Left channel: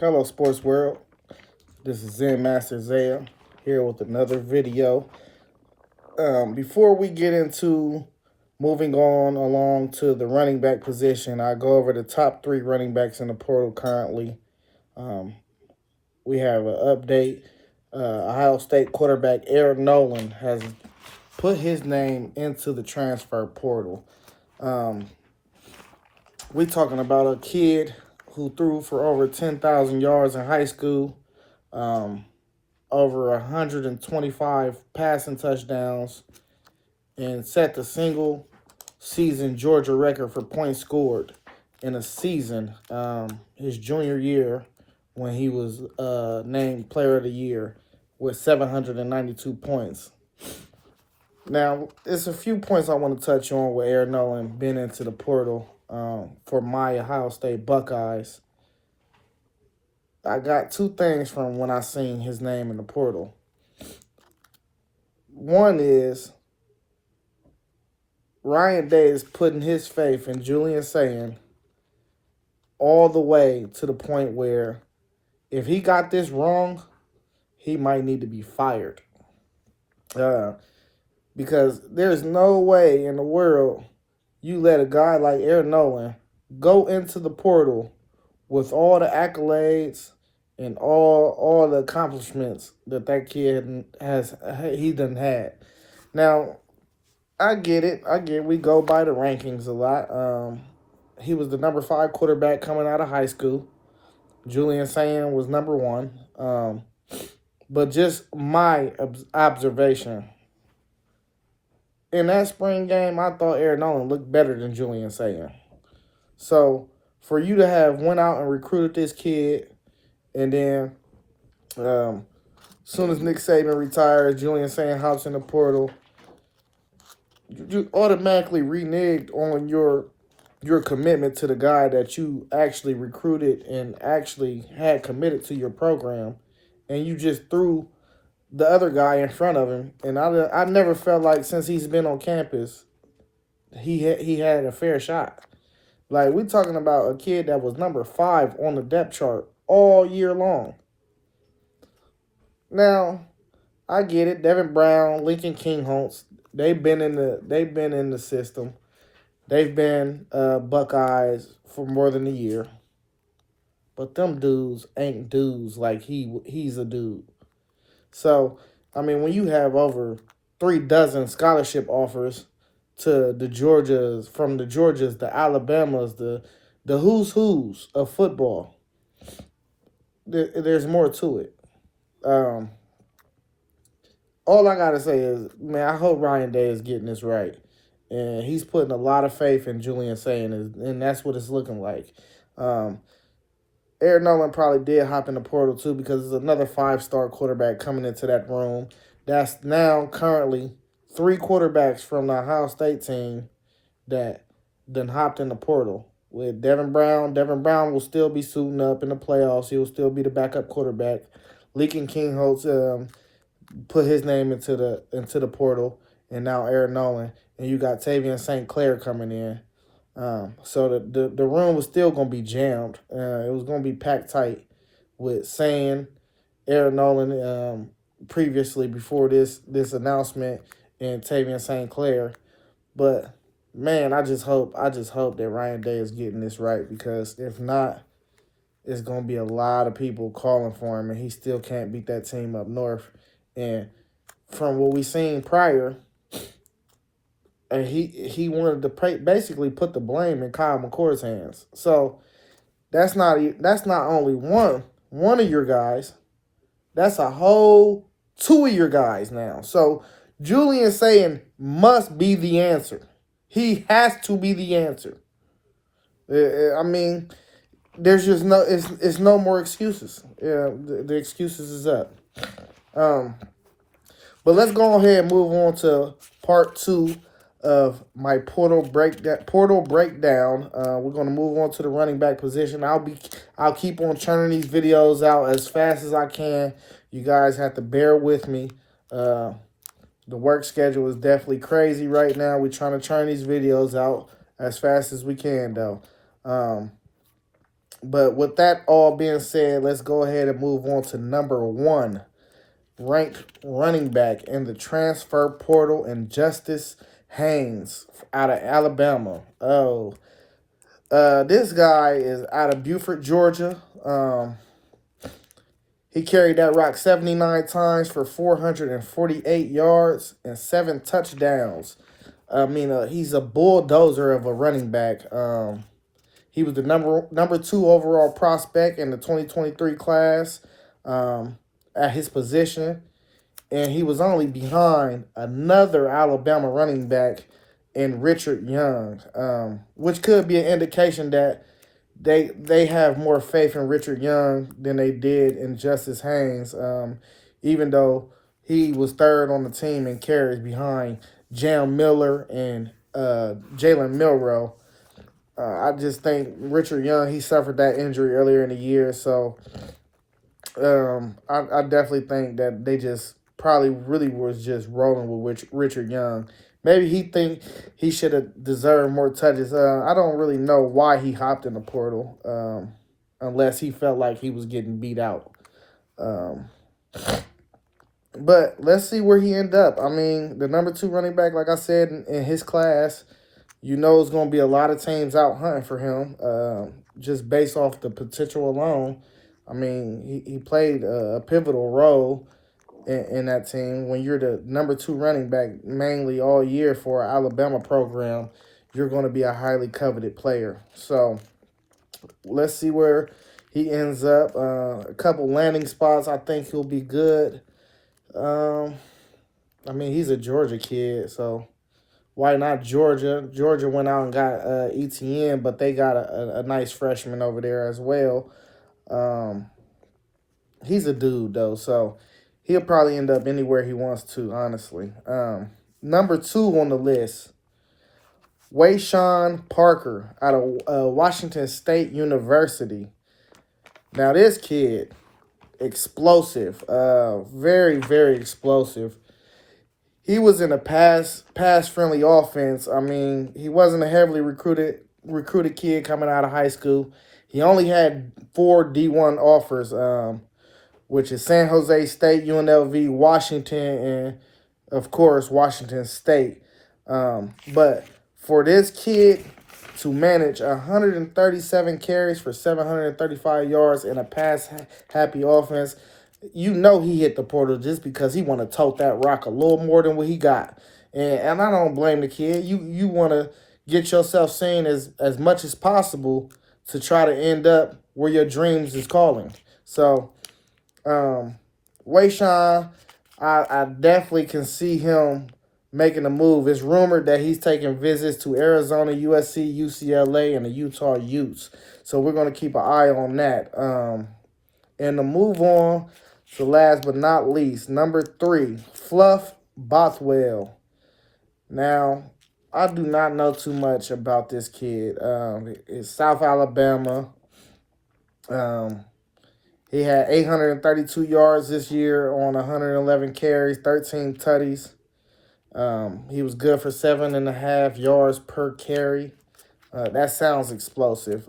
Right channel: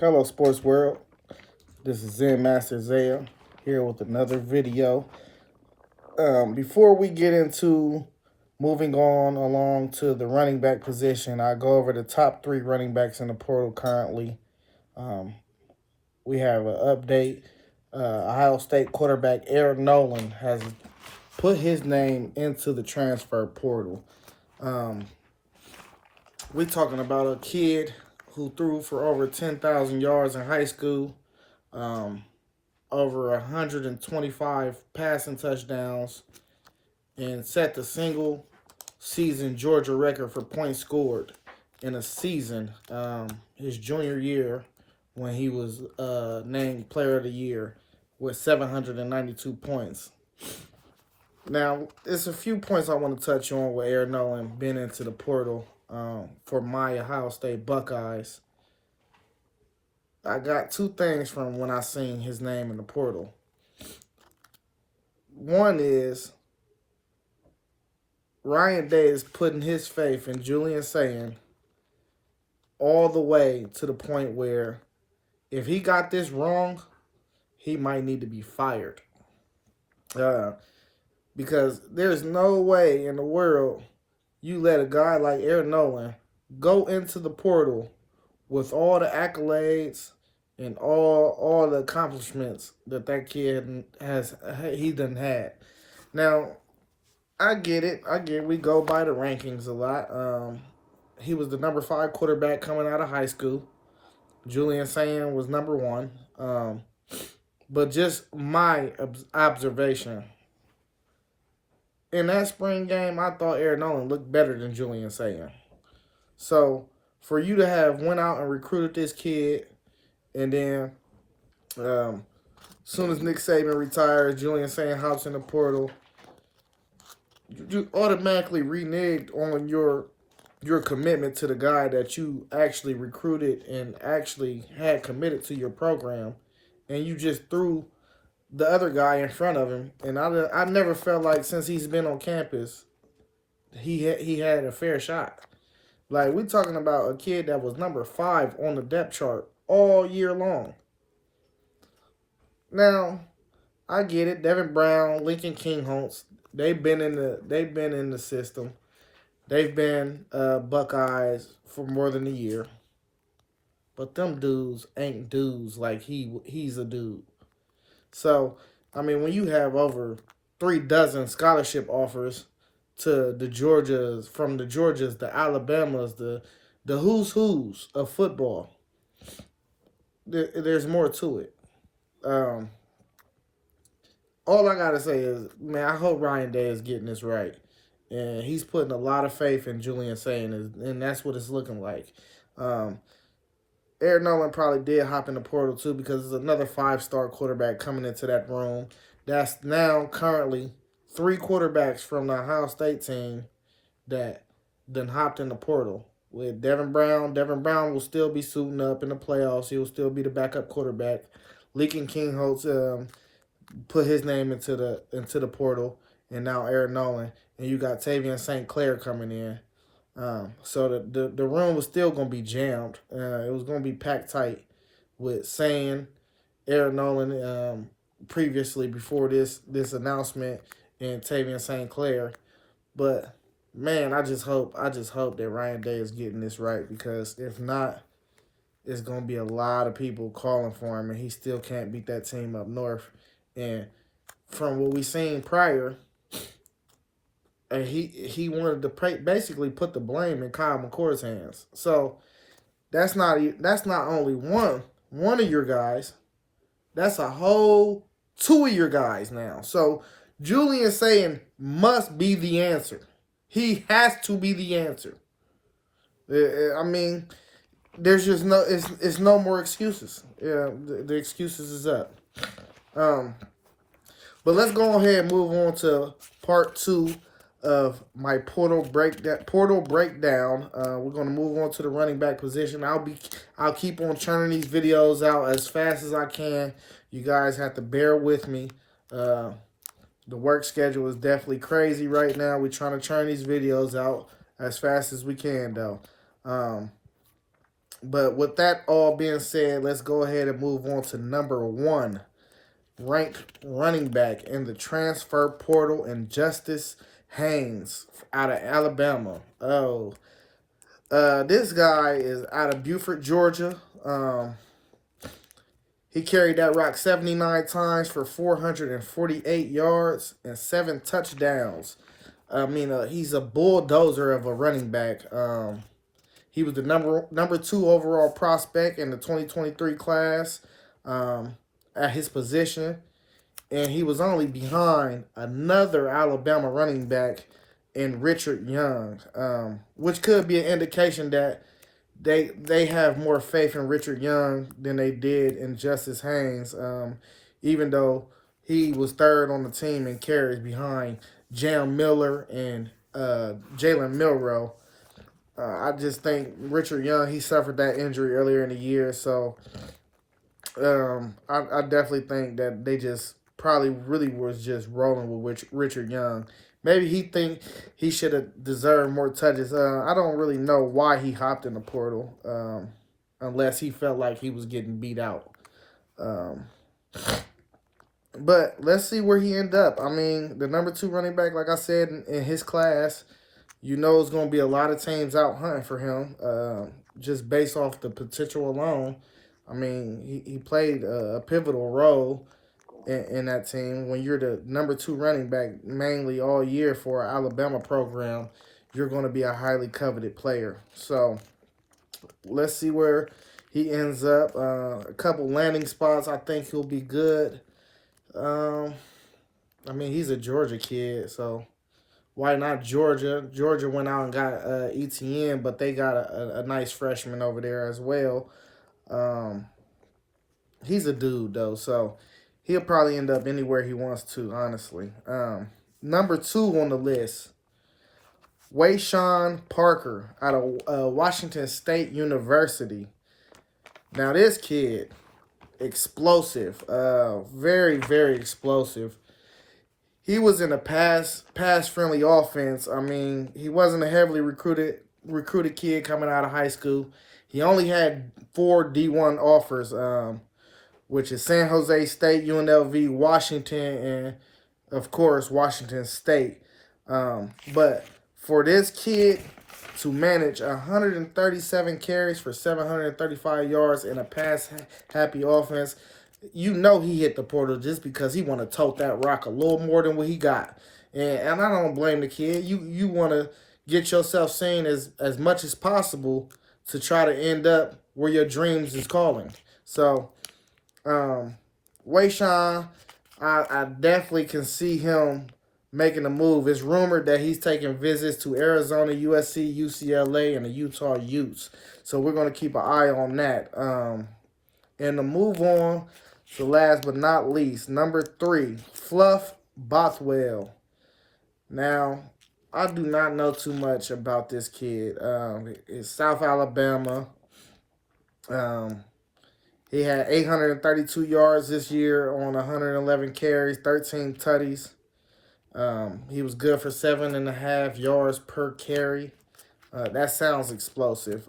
Hello, sports world. This is Zen Master Zaya here with another video. Before we get into moving on along to the running back position, I go over the top 3 running backs in the portal currently. We have an update. Ohio State quarterback Eric Noland has put his name into the transfer portal. We talking about a kid who threw for over 10,000 yards in high school, over 125 passing touchdowns, and set the single season Georgia record for points scored in a season, his junior year, when he was named Player of the Year with 792 points. Now, there's a few points I want to touch on with Aaron Noland being into the portal for my Ohio State Buckeyes. I got 2 things from when I seen his name in the portal. One is Ryan Day is putting his faith in Julian Sayin all the way to the point where if he got this wrong, he might need to be fired. Because there's no way in the world you let a guy like Aaron Noland go into the portal with all the accolades and all the accomplishments that kid he done had. Now, I get it. We go by the rankings a lot. He was the number 5 quarterback coming out of high school. Julian Sayin was number 1. But just my observation, in that spring game, I thought Aaron Noland looked better than Julian Sayin. So, for you to have went out and recruited this kid, and then as soon as Nick Saban retires, Julian Sayin hops in the portal, you automatically reneged on your commitment to the guy that you actually recruited and actually had committed to your program, and you just threw the other guy in front of him. And I never felt like since he's been on campus, he had a fair shot. Like, we're talking about a kid that was number 5 on the depth chart all year long. Now, I get it. Devin Brown, Lincoln Kingholtz, they've been in the system. They've been Buckeyes for more than a year. But them dudes ain't dudes like he's a dude. So, I mean, when you have over 3 dozen scholarship offers to the Georgias, the Alabamas, the who's of football, there's more to it. All I gotta say is, man, I hope Ryan Day is getting this right, and he's putting a lot of faith in Julian Sayin, and that's what it's looking like. Aaron Noland probably did hop in the portal too, because there's another 5-star quarterback coming into that room. That's now currently 3 quarterbacks from the Ohio State team that then hopped in the portal. With Devin Brown will still be suiting up in the playoffs. He'll still be the backup quarterback. Lincoln Kingholtz put his name into the portal, and now Aaron Noland, and you got Tavian St. Clair coming in. So the room was still going to be jammed. It was going to be packed tight with Sayin, Aaron Noland previously before this announcement, and Tavian St. Clair. But man, I just hope that Ryan Day is getting this right, because if not, it's going to be a lot of people calling for him, and he still can't beat that team up north. And from what we seen prior, and he wanted to basically put the blame in Kyle McCord's hands. So that's not only one of your guys. That's a whole 2 of your guys now. So Julian Sayin must be the answer. He has to be the answer. I mean, there's just it's no more excuses. The excuses is up. But let's go ahead and move on to part 2 of my portal breakdown. We're going to move on to the running back position. I'll keep on churning these videos out as fast as I can. You guys have to bear with me. The work schedule is definitely crazy right now. We're trying to churn these videos out as fast as we can, though. But with that all being said, let's go ahead and move on to number 1 ranked running back in the transfer portal, and Justice Haynes out of Alabama. This guy is out of Beaufort, Georgia. He carried that rock 79 times for 448 yards and 7 touchdowns. I mean, he's a bulldozer of a running back. He was the number 2 overall prospect in the 2023 class at his position, and he was only behind another Alabama running back in Richard Young, which could be an indication that they have more faith in Richard Young than they did in Justice Haynes, even though he was 3rd on the team in carries behind Jam Miller and Jalen Milroe. I just think Richard Young, he suffered that injury earlier in the year, so I definitely think that they just probably really was just rolling with Richard Young. Maybe he think he should have deserved more touches. I don't really know why he hopped in the portal, unless he felt like he was getting beat out. But let's see where he ended up. I mean, the number 2 running back, like I said, in his class, you know it's going to be a lot of teams out hunting for him, just based off the potential alone. I mean, he played a pivotal role in that team. When you're the number 2 running back mainly all year for an Alabama program, you're going to be a highly coveted player. So let's see where he ends up. A couple landing spots, I think he'll be good. I mean, he's a Georgia kid, so why not Georgia? Georgia went out and got ETN, but they got a nice freshman over there as well. He's a dude, though, so he'll probably end up anywhere he wants to, honestly. Number 2 on the list, Wayshawn Parker out of Washington State University. Now, this kid, explosive, very, very explosive. He was in a pass-friendly offense. I mean, he wasn't a heavily recruited kid coming out of high school. He only had 4 D1 offers, which is San Jose State, UNLV, Washington, and, of course, Washington State. But for this kid to manage 137 carries for 735 yards in a pass-happy offense, you know he hit the portal just because he want to tote that rock a little more than what he got. And I don't blame the kid. You want to get yourself seen as much as possible to try to end up where your dreams is calling. So, Wayshawn, I definitely can see him making a move. It's rumored that he's taking visits to Arizona, USC, UCLA, and the Utah Utes. So we're going to keep an eye on that. And to move on to last but not least, number 3, Fluff Bothwell. Now, I do not know too much about this kid. It's South Alabama. He had 832 yards this year on 111 carries, 13 tutties. He was good for 7.5 yards per carry. That sounds explosive.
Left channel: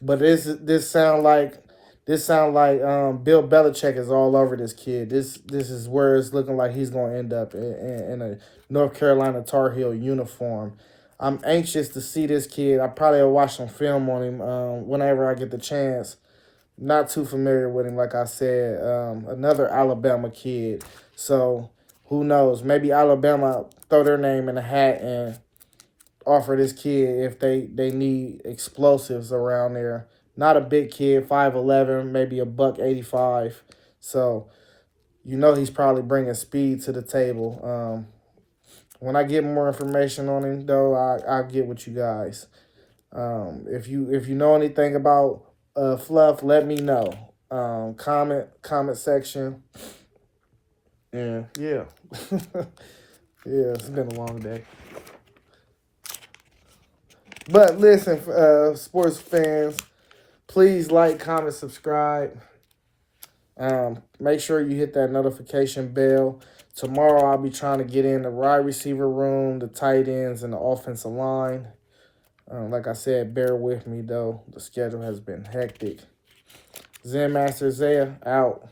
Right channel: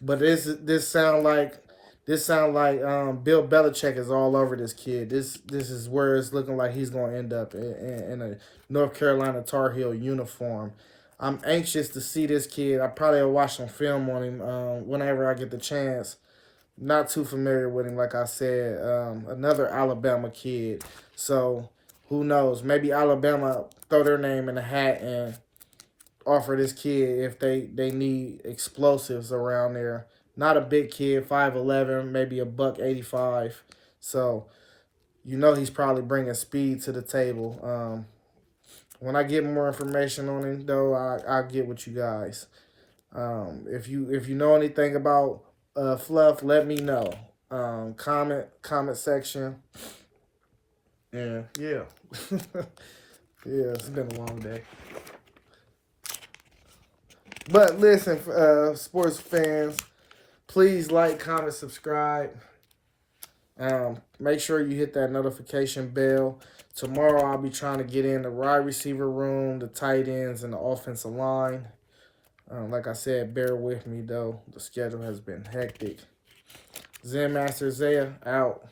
But this sound like Bill Belichick is all over this kid. This is where it's looking like he's going to end up in a North Carolina Tar Heel uniform. I'm anxious to see this kid. I probably will watch some film on him whenever I get the chance. Not too familiar with him, like I said. Another Alabama kid. So who knows? Maybe Alabama throw their name in the hat and offer this kid if they need explosives around there. Not a big kid, 5'11", maybe $185. So you know he's probably bringing speed to the table. When I get more information on him, though, I'll get with you guys. If you know anything about Fluff, let me know. Comment section. And yeah. Yeah, it's been a long day. But listen, sports fans, please like, comment, subscribe. Make sure you hit that notification bell. Tomorrow I'll be trying to get in the wide receiver room, the tight ends, and the offensive line. Like I said, bear with me, though. The schedule has been hectic. Zen Master Zaya out.